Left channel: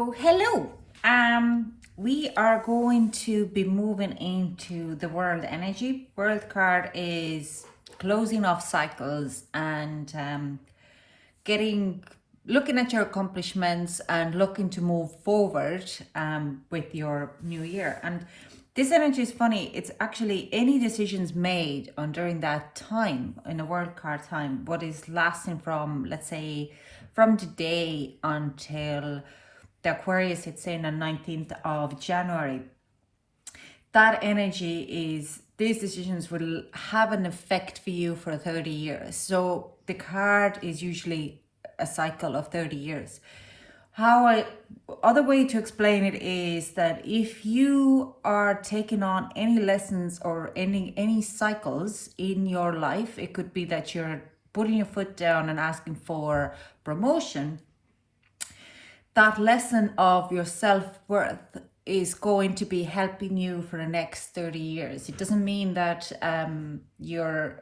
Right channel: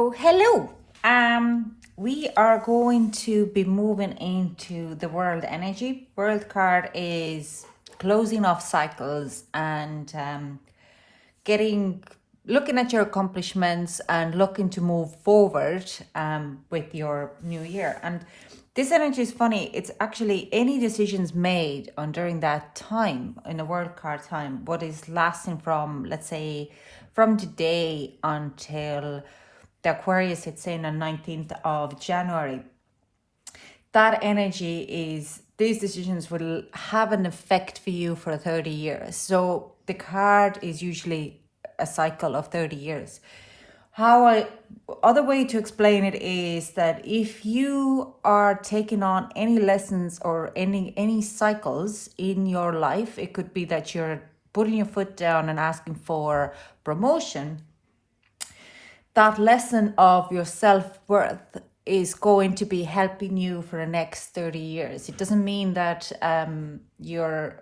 Oh, hello. We are going to be moving into the world energy. World card is closing off cycles and getting looking at your accomplishments and looking to move forward with your new year. And this energy is funny. It's actually any decisions made on during that time in the world card time, what is lasting from, let's say, from today until the Aquarius hits in on 19th of January. That energy is, these decisions will have an effect for you for 30 years. So the card is usually a cycle of 30 years. Other way to explain it is that if you are taking on any lessons or any cycles in your life, it could be that you're putting your foot down and asking for promotion. That lesson of your self-worth is going to be helping you for the next 30 years. It doesn't mean that you're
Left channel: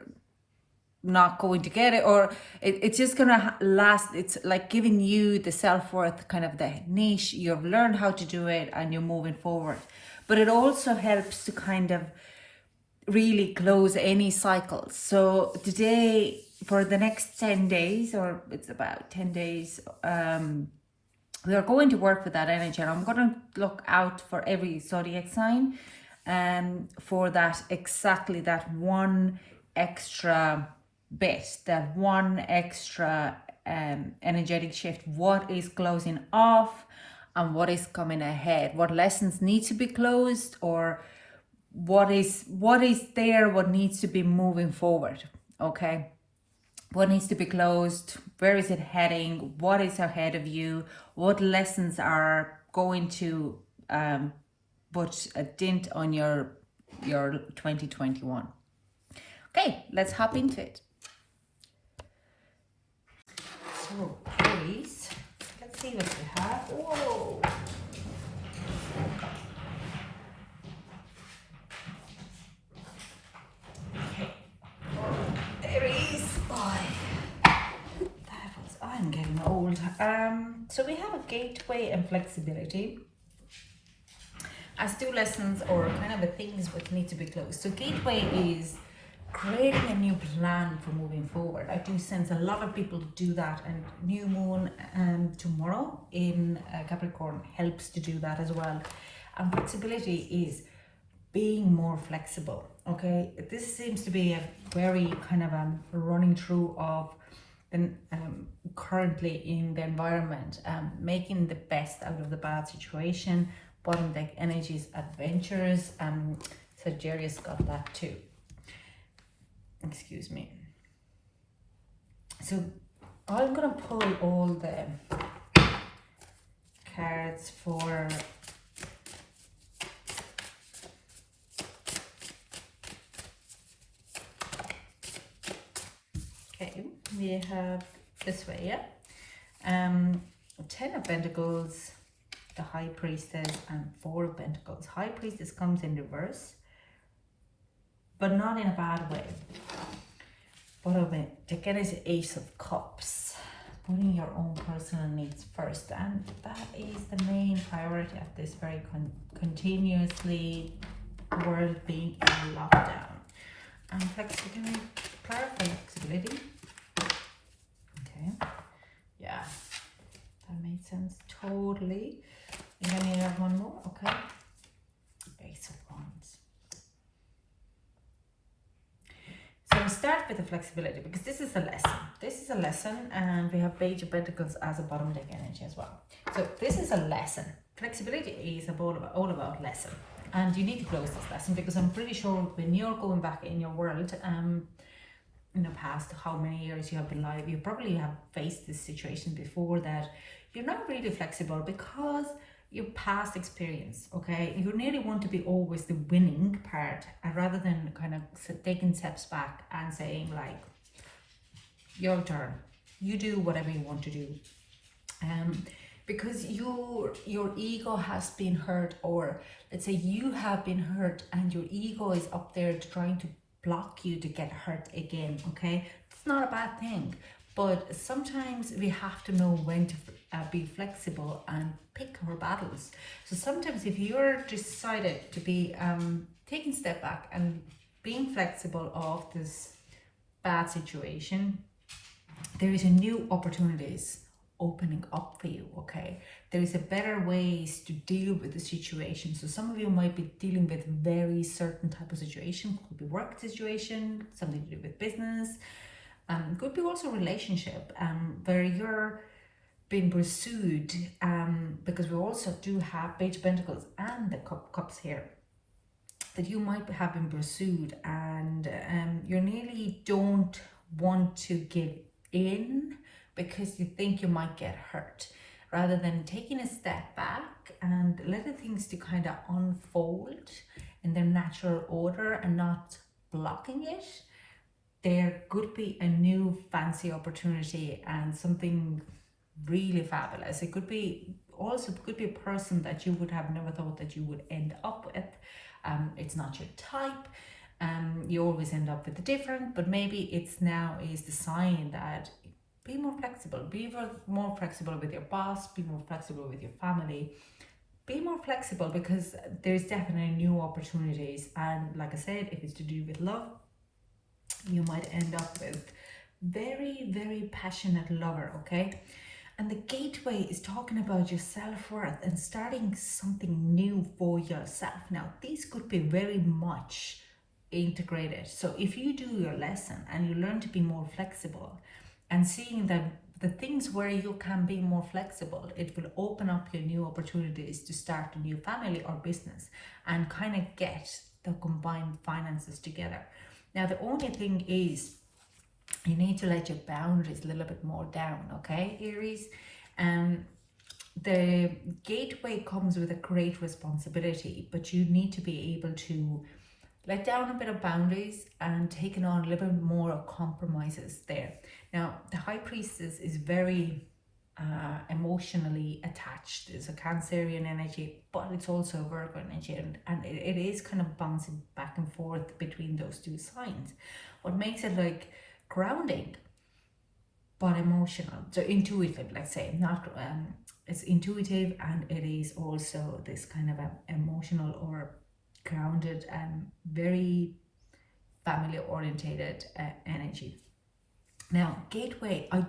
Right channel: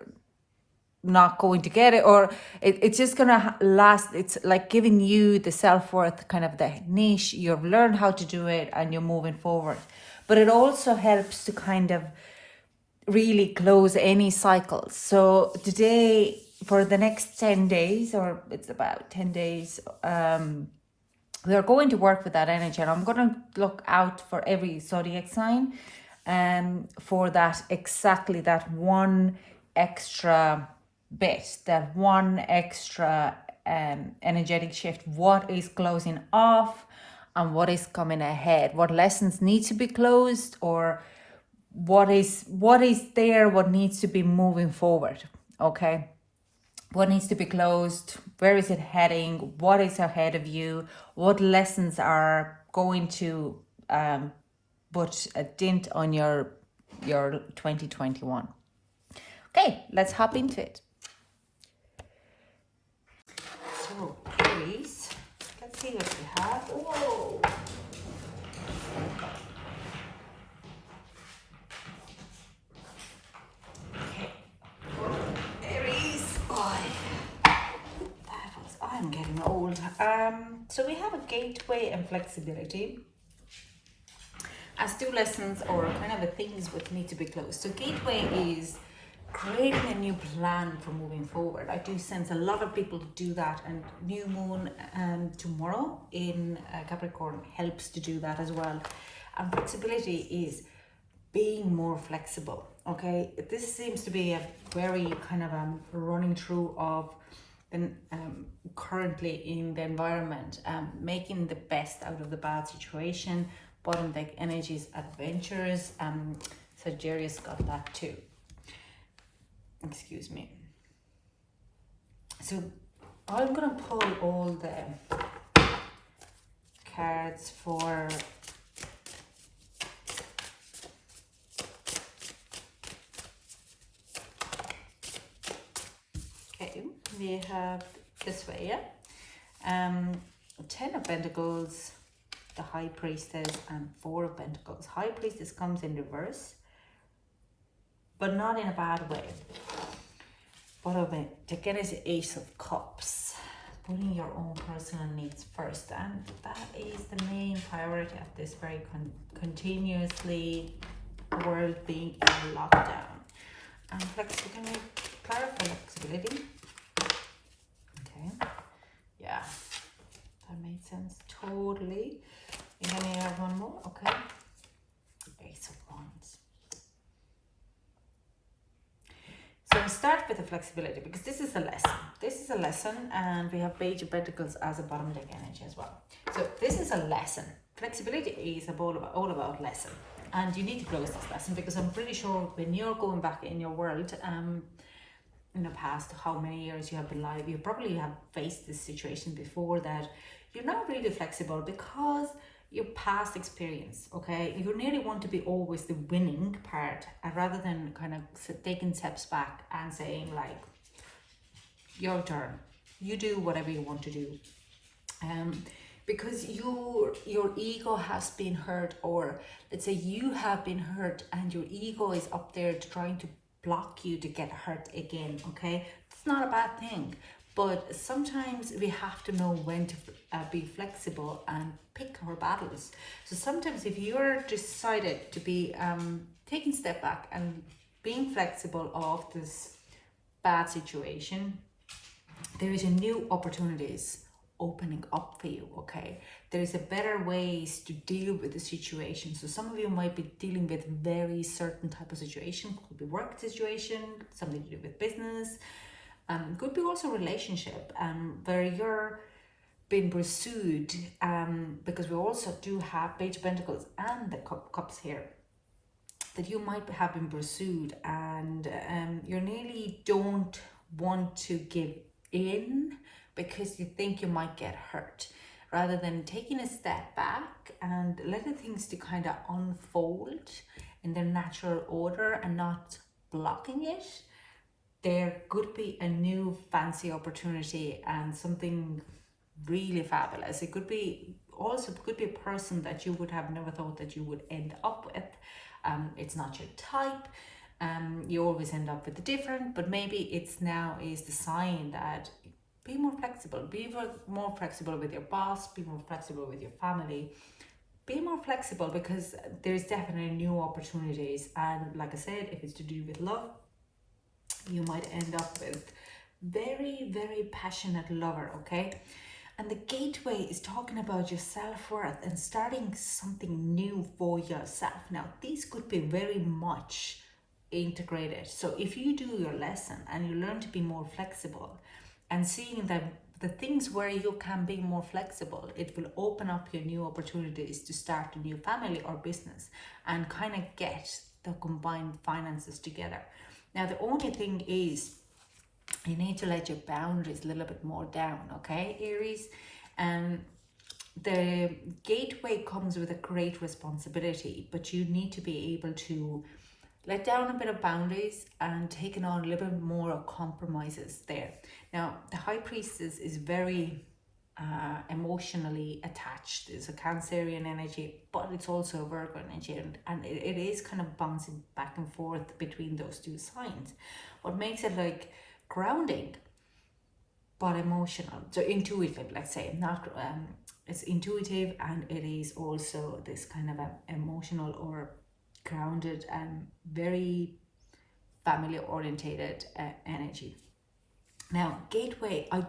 not going to get it, or it's just gonna last. It's like giving you the self-worth, kind of the niche. You've learned how to do it and you're moving forward. But it also helps to kind of really close any cycles. So today, for the next 10 days, or it's about 10 days, we are going to work with that energy, and I'm going to look out for every zodiac sign for that, exactly that one extra bit, that one extra energetic shift. What is closing off and what is coming ahead? What lessons need to be closed, or what is there, what needs to be moving forward, okay? What needs to be closed? Where is it heading? What is ahead of you? What lessons are going to put a dent on your 2021? Okay, let's hop into it. So please, let's see what we have. Whoa. I'm getting old. So we have a gateway and flexibility as two lessons, or kind of the things which need to be closed. So gateway is creating a new plan for moving forward. I do sense a lot of people do that, and new moon tomorrow in Capricorn helps to do that as well. And flexibility is being more flexible. Okay, this seems to be a very kind of running through of currently in the environment, making the best out of the bad situation. Bottom deck energies, adventures. Sagittarius got that too. Excuse me. So I'm gonna pull all the cards for we have this way, yeah. 10 of Pentacles, the High Priestess, and 4 of Pentacles. High Priestess comes in reverse, but not in a bad way. Bottom of it, again, is the Ace of Cups. Putting your own personal needs first, and that is the main priority at this very continuously world being in lockdown. And flexibility, clarify flexibility. Okay, yeah, that made sense totally. And then we have one more, okay. Ace of Wands. So we start with the flexibility because this is a lesson. This is a lesson, and we have Page of Pentacles as a bottom deck energy as well. So this is a lesson. Flexibility is all about lesson, and you need to close this lesson, because I'm pretty sure when you're going back in your world, in the past, how many years you have been alive, you probably have faced this situation before, that you're not really flexible because your past experience, okay? You nearly want to be always the winning part, rather than kind of taking steps back and saying like, your turn, you do whatever you want to do. Because your ego has been hurt, or let's say you have been hurt, and your ego is up there trying to block you to get hurt again, okay? It's not a bad thing, but sometimes we have to know when to be flexible and pick our battles. So sometimes if you're decided to be taking a step back and being flexible of this bad situation, there is a new opportunities opening up for you, okay? There is a better ways to deal with the situation. So some of you might be dealing with very certain type of situation, could be work situation, something to do with business, could be also relationship, where you're being pursued, because we also do have Page of Pentacles and the Cups here, that you might have been pursued, and you nearly don't want to give in because you think you might get hurt, rather than taking a step back and letting things to kind of unfold in their natural order and not blocking it. There could be a new fancy opportunity and something really fabulous. It could be also a person that you would have never thought that you would end up with. It's not your type. You always end up with the different, but maybe it's now is the sign that be more flexible. Be more flexible with your boss. Be more flexible with your family. Be more flexible, because there's definitely new opportunities. And like I said, if it's to do with love, you might end up with very, very passionate lover, okay? And the gateway is talking about your self-worth and starting something new for yourself. Now, these could be very much integrated. So if you do your lesson and you learn to be more flexible and seeing that the things where you can be more flexible, it will open up your new opportunities to start a new family or business and kind of get the combined finances together. Now, the only thing is you need to let your boundaries a little bit more down, okay, Aries? And the gateway comes with a great responsibility, but you need to be able to let down a bit of boundaries and taking on a little bit more compromises there. Now, the High Priestess is very emotionally attached. It's a Cancerian energy, but it's also a Virgo energy, and it is kind of bouncing back and forth between those two signs. What makes it like grounding, but emotional, so intuitive, let's say, not it's intuitive, and it is also this kind of emotional or grounded and very family orientated energy. Now, gateway, I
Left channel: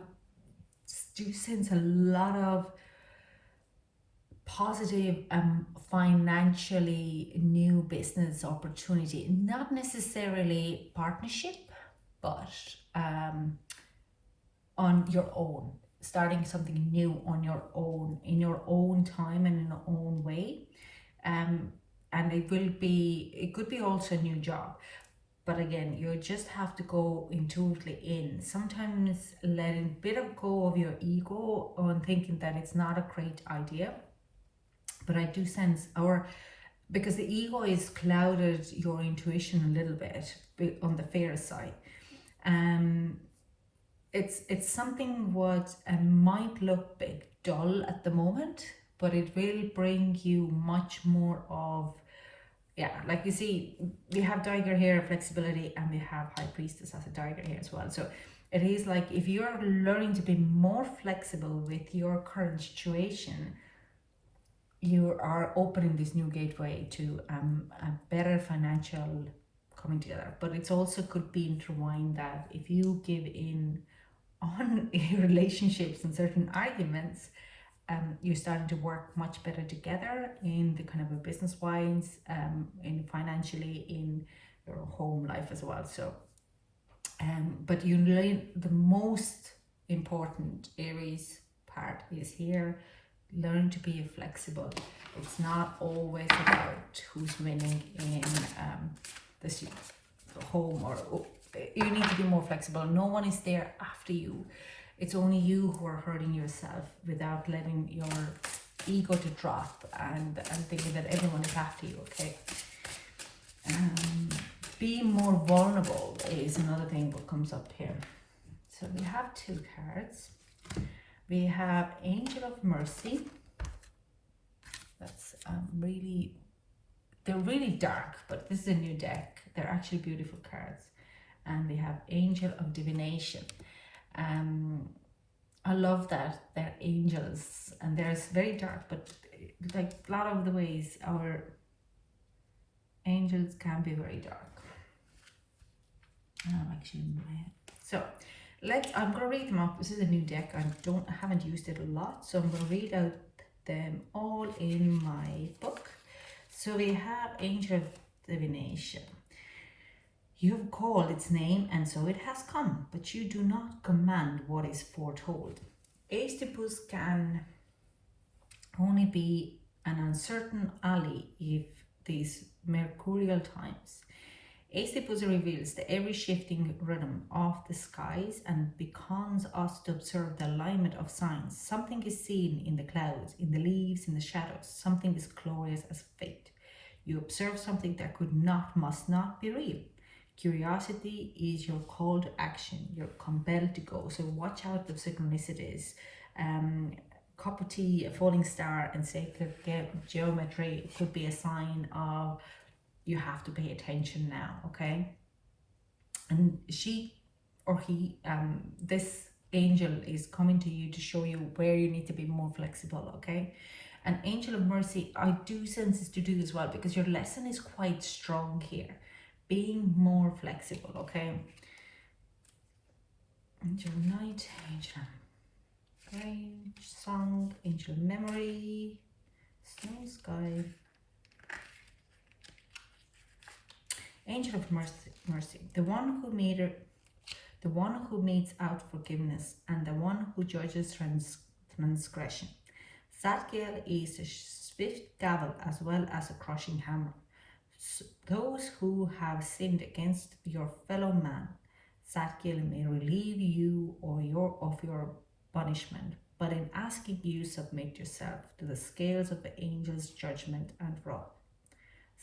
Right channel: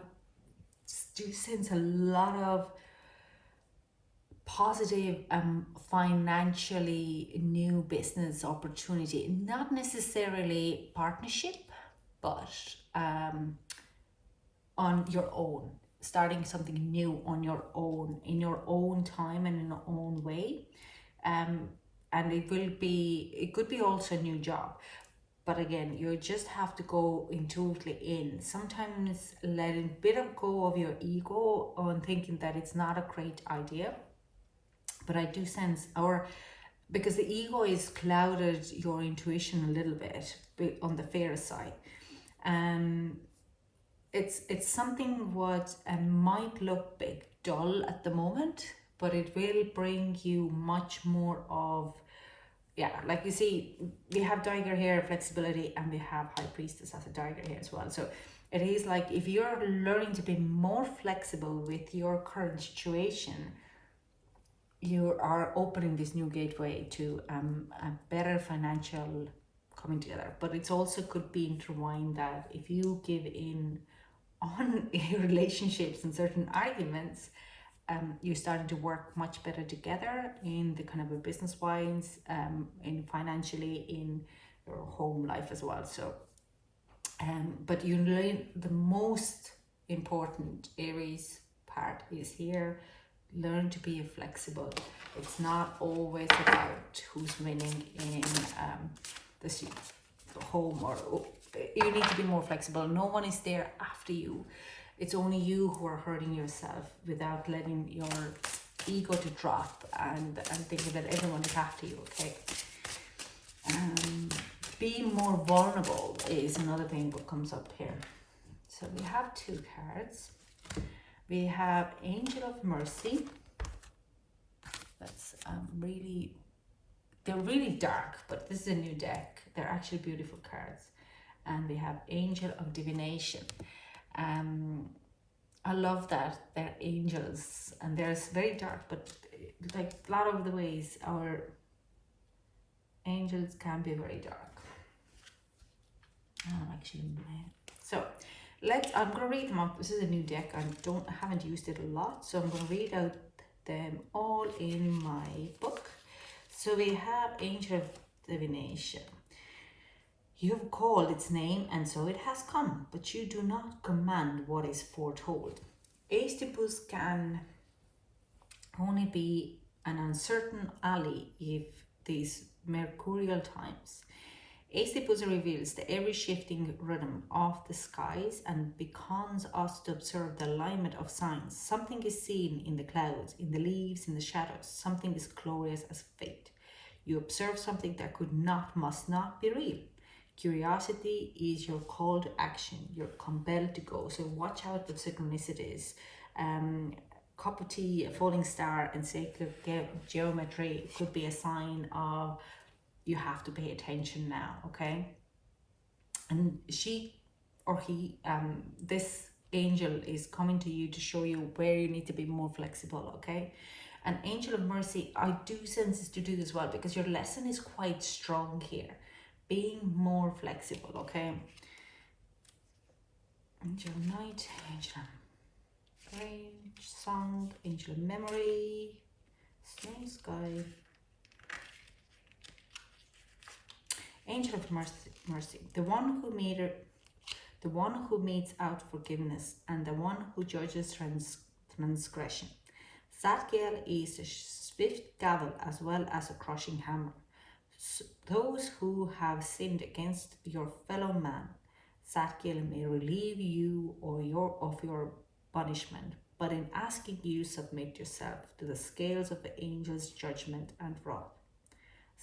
do sense a lot of positive financially new business opportunity, not necessarily partnership, but on your own, starting something new on your own, in your own time and in your own way. And it could be also a new job. But again, you just have to go intuitively in. Sometimes letting a bit of go of your ego on thinking that it's not a great idea. But I do sense, because the ego is clouded your intuition a little bit on the fair side. It's something what might look big dull at the moment, but it will bring you much more of, like you see, we have Tiger here, flexibility, and we have High Priestess as a Tiger here as well. So it is like, if you're learning to be more flexible with your current situation, you are opening this new gateway to a better financial coming together. But it's also could be intertwined that if you give in on your relationships and certain arguments, you're starting to work much better together in the kind of a business wise, in financially, in your home life as well. So but you learn the most important Aries part is here. Learn to be flexible. It's not always about who's winning in this home, or you need to be more flexible. No one is there after you. It's only you who are hurting yourself without letting your ego to drop and thinking that everyone is after you, okay? Being more vulnerable is another thing that comes up here. So we have two cards. We have Angel of Mercy. That's they're really dark, but this is a new deck. They're actually beautiful cards. And we have Angel of Divination. I love that they're angels and they're very dark, but like a lot of the ways our angels can be very dark. I'm actually in my head. So I'm going to read them out. This is a new deck. I haven't used it a lot, so I'm going to read out them all in my book. So we have Angel of Divination. You have called its name, and so it has come, but you do not command what is foretold. Aestipus can only be an uncertain ally if these mercurial times. Aestipus reveals the ever-shifting rhythm of the skies and beckons us to observe the alignment of signs. Something is seen in the clouds, in the leaves, in the shadows. Something is glorious as fate. You observe something that must not be real. Curiosity is your call to action. You're compelled to go. So watch out for synchronicities. Cup of tea, a falling star, and sacred geometry could be a sign of you have to pay attention now, okay? And she or he, this angel is coming to you to show you where you need to be more flexible, okay? An angel of mercy, I do sense is to do as well, because your lesson is quite strong here. Being more flexible, okay? Angel of night, angel of range, song, angel of memory, snow sky. Angel of mercy, the one who metes out forgiveness, and the one who judges transgression. Zadkiel is a swift gavel as well as a crushing hammer. Those who have sinned against your fellow man, Zadkiel may relieve you of your punishment, but in asking you submit yourself to the scales of the angel's judgment and wrath.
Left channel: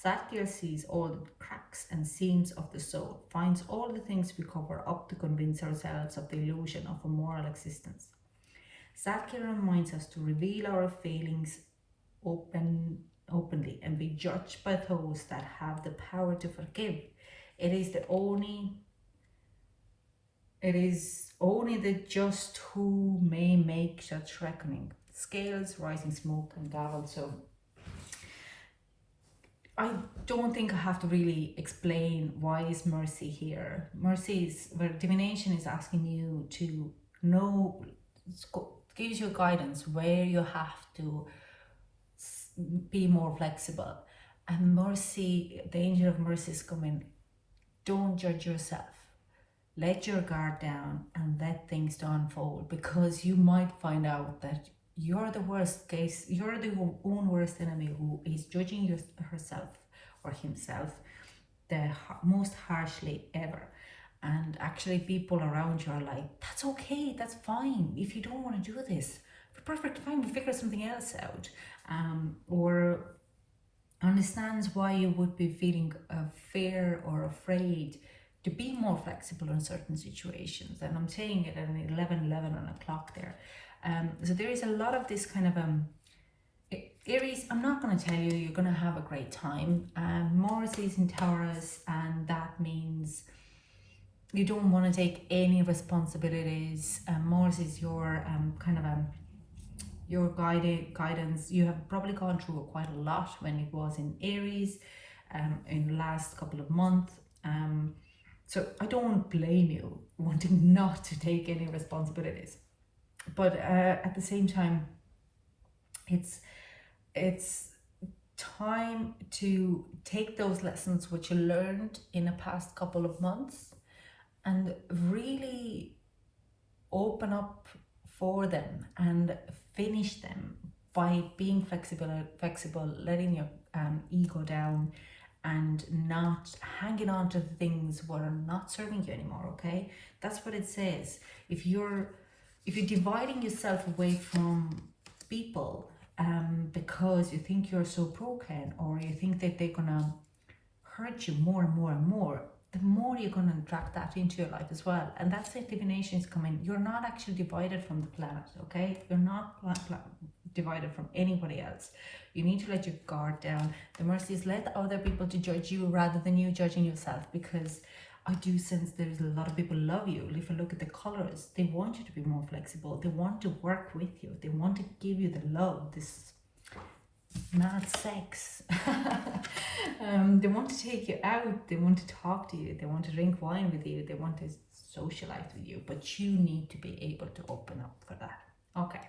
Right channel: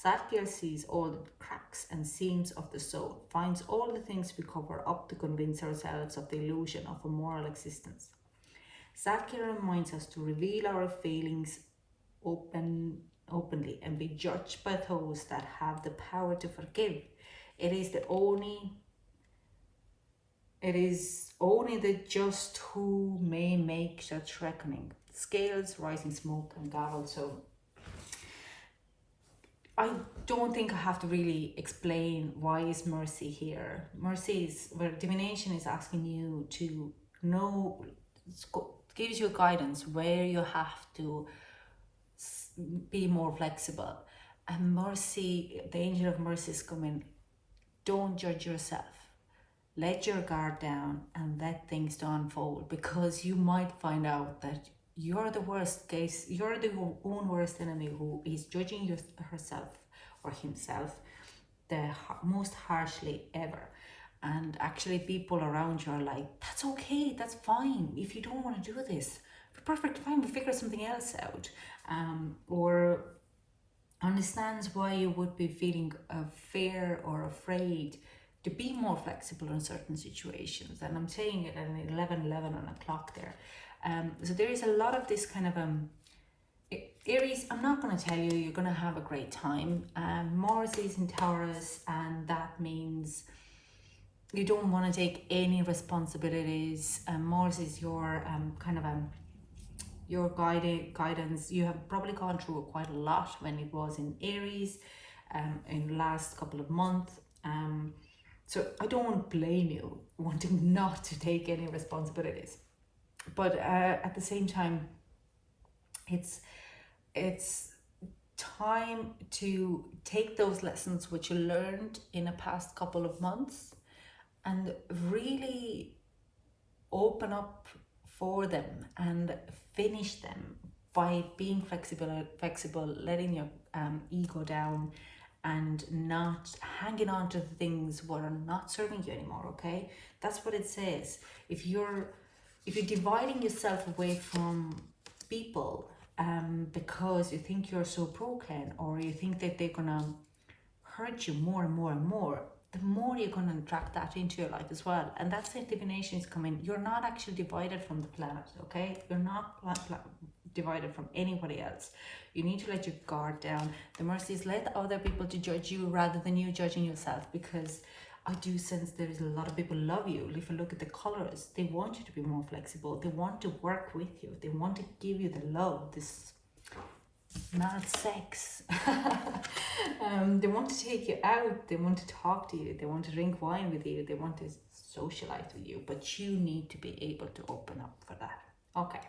Zadkiel sees all the cracks and seams of the soul, finds all the things we cover up to convince ourselves of the illusion of a moral existence. Zadkiel reminds us to reveal our failings openly and be judged by those that have the power to forgive. It is only the just who may make such reckoning. Scales, rising smoke, and gavel. So I don't think I have to really explain why is mercy here. Mercy is where divination is asking you to know, gives you guidance where you have to be more flexible. And mercy, the angel of mercy is coming. Don't judge yourself. Let your guard down and let things to unfold, because you might find out that you're the worst case, you're the own worst enemy who is judging herself or himself the most harshly ever. And actually people around you are like, that's okay, that's fine. If you don't want to do this, perfect, fine, we'll figure something else out. Or understands why you would be feeling fear or afraid to be more flexible in certain situations. And I'm saying it at 11 on a clock there. So there is a lot of this kind of Aries, I'm not going to tell you you're going to have a great time. Mars is in Taurus, and that means you don't want to take any responsibilities. Mars is your your guidance. You have probably gone through quite a lot when it was in Aries in the last couple of months. So I don't blame you wanting not to take any responsibilities. But at the same time, it's time to take those lessons which you learned in the past couple of months and really open up for them and finish them by being flexible, letting your ego down and not hanging on to the things what are not serving you anymore, okay? That's what it says. If you're dividing yourself away from people because you think you're so broken, or you think that they're gonna hurt you more and more and more, the more you're gonna attract that into your life as well. And that's it, divination is coming. You're not actually divided from the planet, okay? You're not divided from anybody else. You need to let your guard down. The mercy is let other people to judge you rather than you judging yourself, because I do sense there is a lot of people love you. If you look at the colors, they want you to be more flexible. They want to work with you. They want to give you the love, this not sex. They want to take you out. They want to talk to you. They want to drink wine with you. They want to socialize with you. But you need to be able to open up for that. Okay,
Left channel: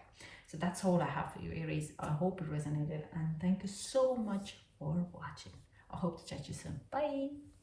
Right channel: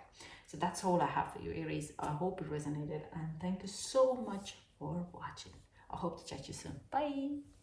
so that's all I have for you, Aries. I hope it resonated, and thank you so much for watching. I hope to chat to you soon. Bye.